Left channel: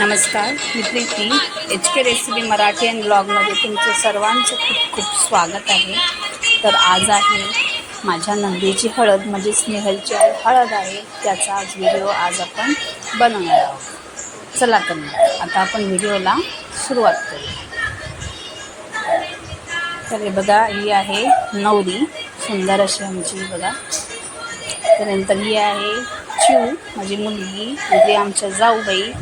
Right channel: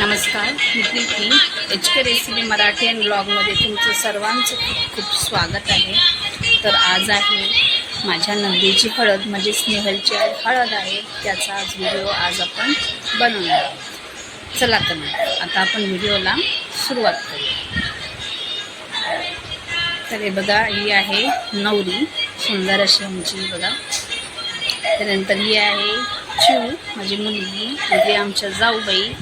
नमस्कार, मी Preeti. HK recipe Marathi and ब्लॉगमध्ये तुमचं सर्वांचं खूप खूप स्वागत आहे. तर आज आहे माझ्या नंदीची हळद, म्हणजे स्नेहलची हळद आहे. त्याचा आज व्हिडिओ आपण बनवणार आहोत. चला तर मग आता आपण व्हिडिओला सुरुवात करू. तर हे बघा, ही आहे नवरी, सुंदर अशी आमची बघा. त्यानंतर ही आहे चिऊ, माझी मुलगी, म्हणजे आमच्या जाऊबाई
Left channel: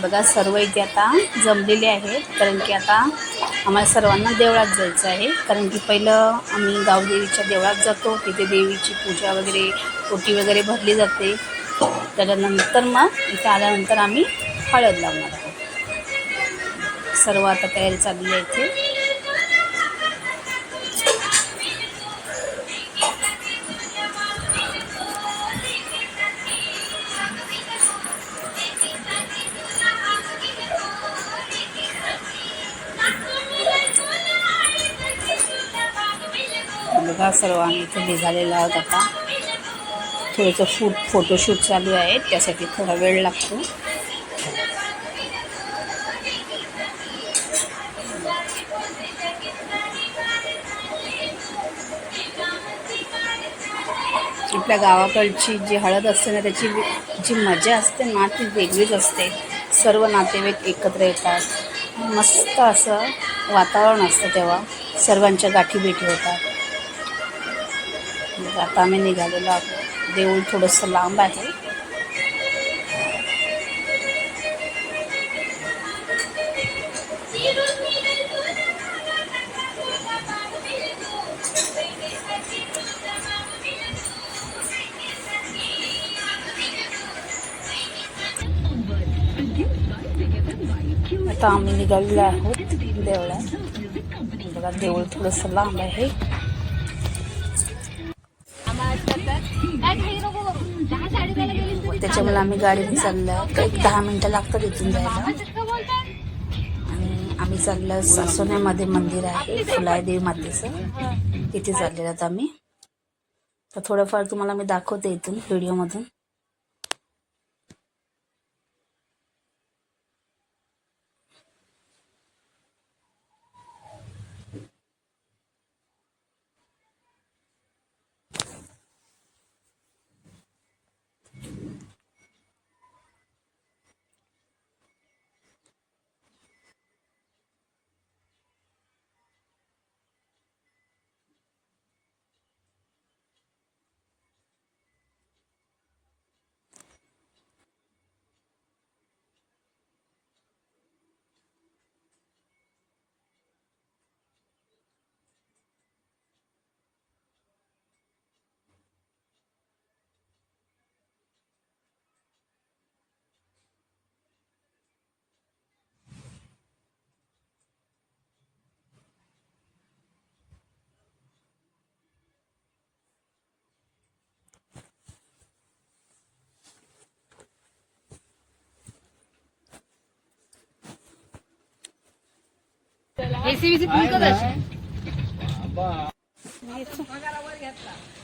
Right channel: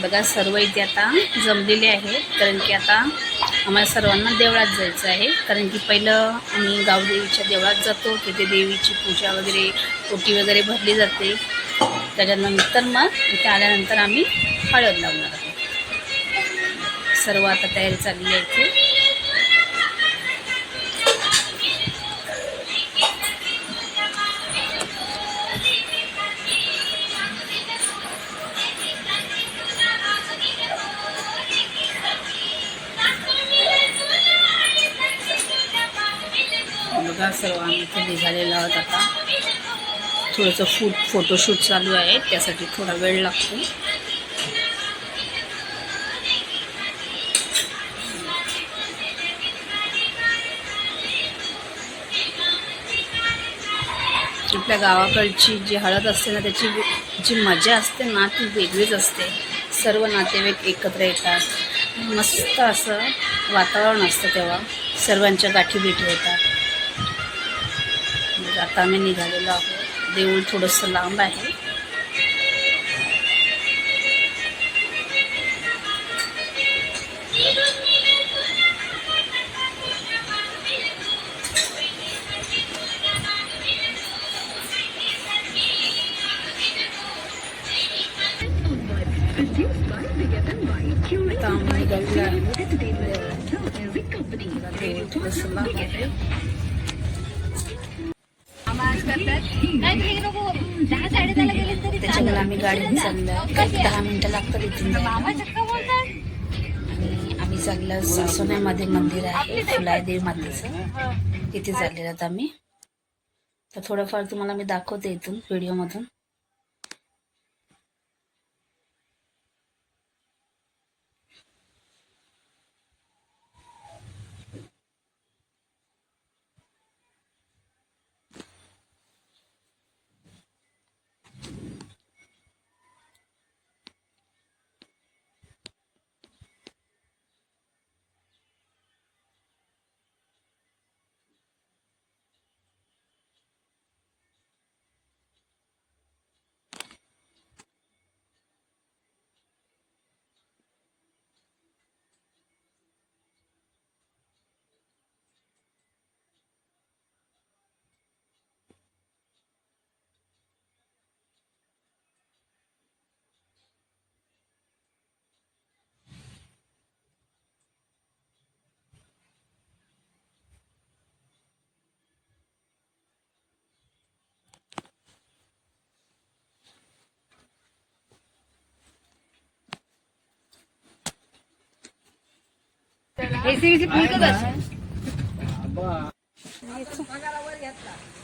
बघा. सर्व इथे आता जमलेले आहेत, कारण की आता आम्हाला सर्वांना देवळात जायचं आहे. कारण की पहिलं आम्ही गावदेवीच्या देवळात जातो, तिथे देवीची पूजा वगैरे, ओटी वगैरे भरली जाते. त्याच्यानंतर मग इथे आल्यानंतर आम्ही हळद लावणार आहोत. सर्व आता तयारी चालली आहे इथे. बघा, सर्व आम्ही इथे निघालेलो आहोत. आता थोडंसं फोटोशूट चालू आहे, त्यासाठी थोडा वेळ लागतो. आपल्या गावाकडची जी हळद असते ना, त्याची जी मजा असते ना, ती वेगळीच असते. सर्व नातेवाईक एकत्र येतात, मस्त असं वातावरण असतं, तेव्हा सर्वांच्या गाठीभेटी होतात. आता आम्ही निघालेलो आहोत. देऊळ थोडंसं लांब आहे. आता आम्ही निघालेलो आहोत देवळात. बघा, देऊळ थोडंसं लांब आहे. त्याच्यामुळे आम्ही गाडीने चाललो. एक 10 मिनटं लागतात इथून जायला. आणि आम्ही चाललो सासोण्यामध्ये मंदिर आहे फुलादेवी मातेचं, तिथे चाललेलं आहोत आम्ही. तर थोडंफार तुम्हाला मी दाखवते इथून व्हिडिओमधून.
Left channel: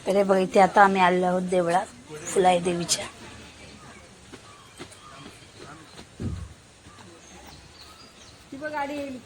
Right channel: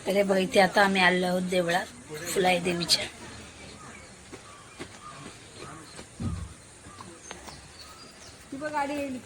तर बघा, इथे आता आम्ही आलो आहोत देवळात फुलाई देवीच्या. गाडी येईल.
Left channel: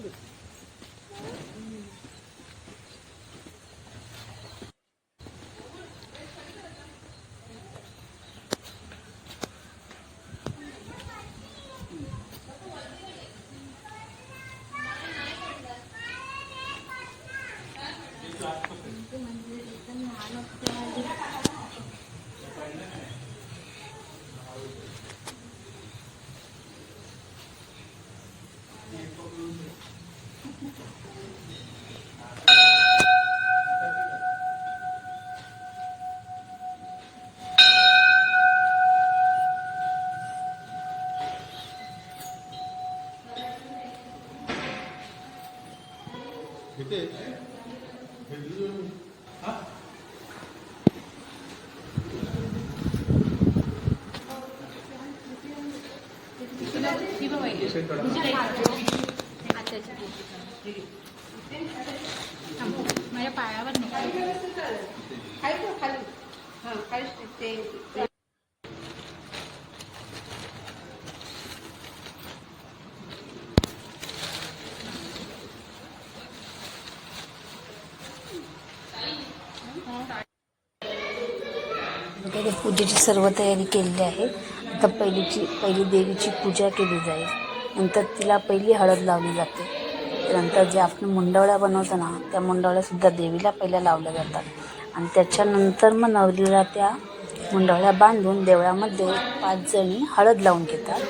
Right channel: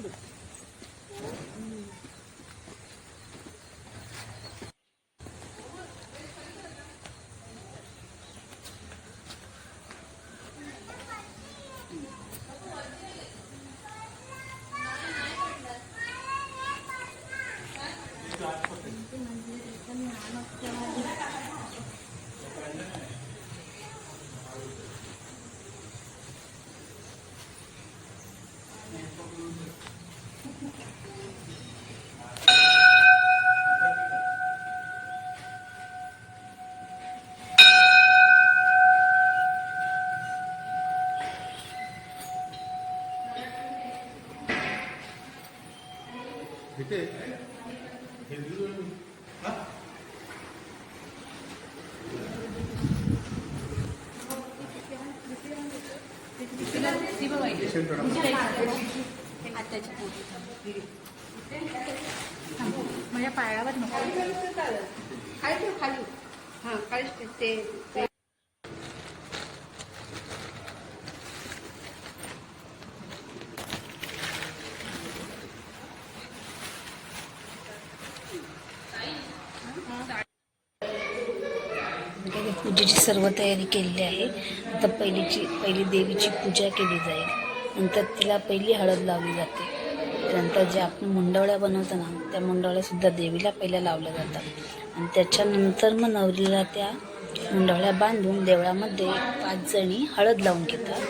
माझ्या पायावर पूजेची सर्व तयारी केलेली आहे. आता पहिली देवीची पूजा केली जाईल. नंतर तिला पहिली हळद लावली जाते. नंतर जे आपण मुंडवळ्या बनवतो ना, त्या मुंडवळ्यासुद्धा देवीला पहिल्या लावल्या जातात. आणि त्याच्यानंतर मग नवरीला त्या मुंडवळ्या बांधून देवळामध्ये 5 जणी हळद लावून घेतात.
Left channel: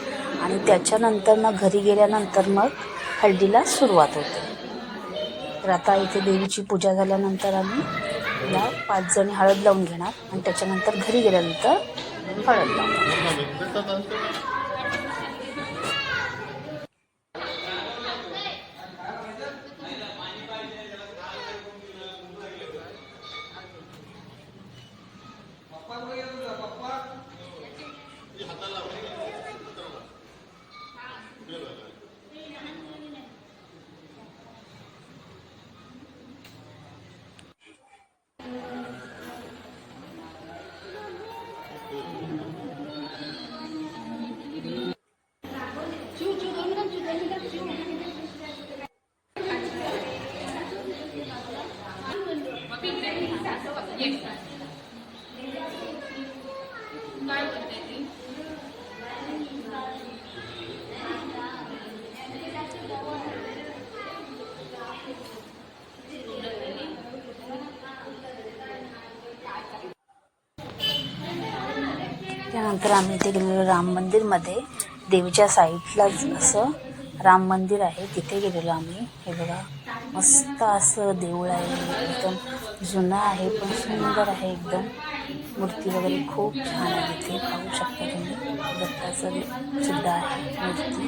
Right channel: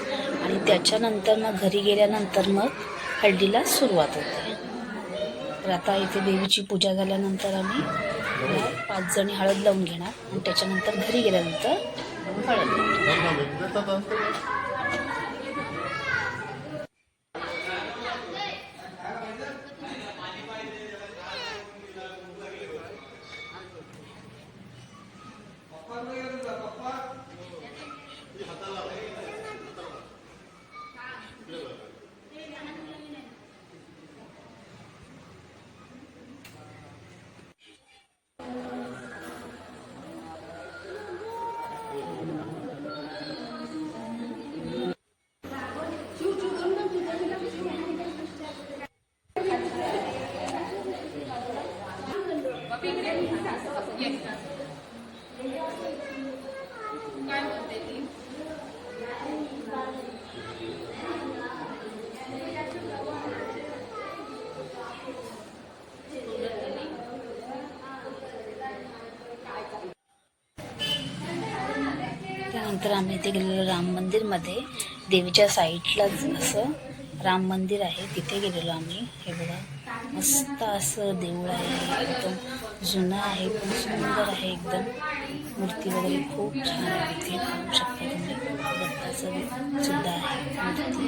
आणि त्याच्यानंतर मग घरी गेल्यानंतर मग हळदीला सुरुवात होते. तर आता इथे देवीची पूजा झाल्यानंतर आम्ही तिला 5 जणी हळद लावून घेणार आणि त्याच्यानंतर घरी गेल्यानंतर हळद लावणार. त्यानंतर आम्ही इथे गेलेलो राम मंदिरमध्ये. देवीच्या साईडलाच असं राम मंदिर आहे, तिथे गेलेलो आम्ही. हे बघा मस्त असं देऊळ आहे, एकदम जुनं आहे पण सुंदर आहे एकदम. मूर्ती वगैरे खूप छान आहे. तिथे पाहू शकता तुम्ही, दत्ताचं सुद्धा आहे मूर्ती.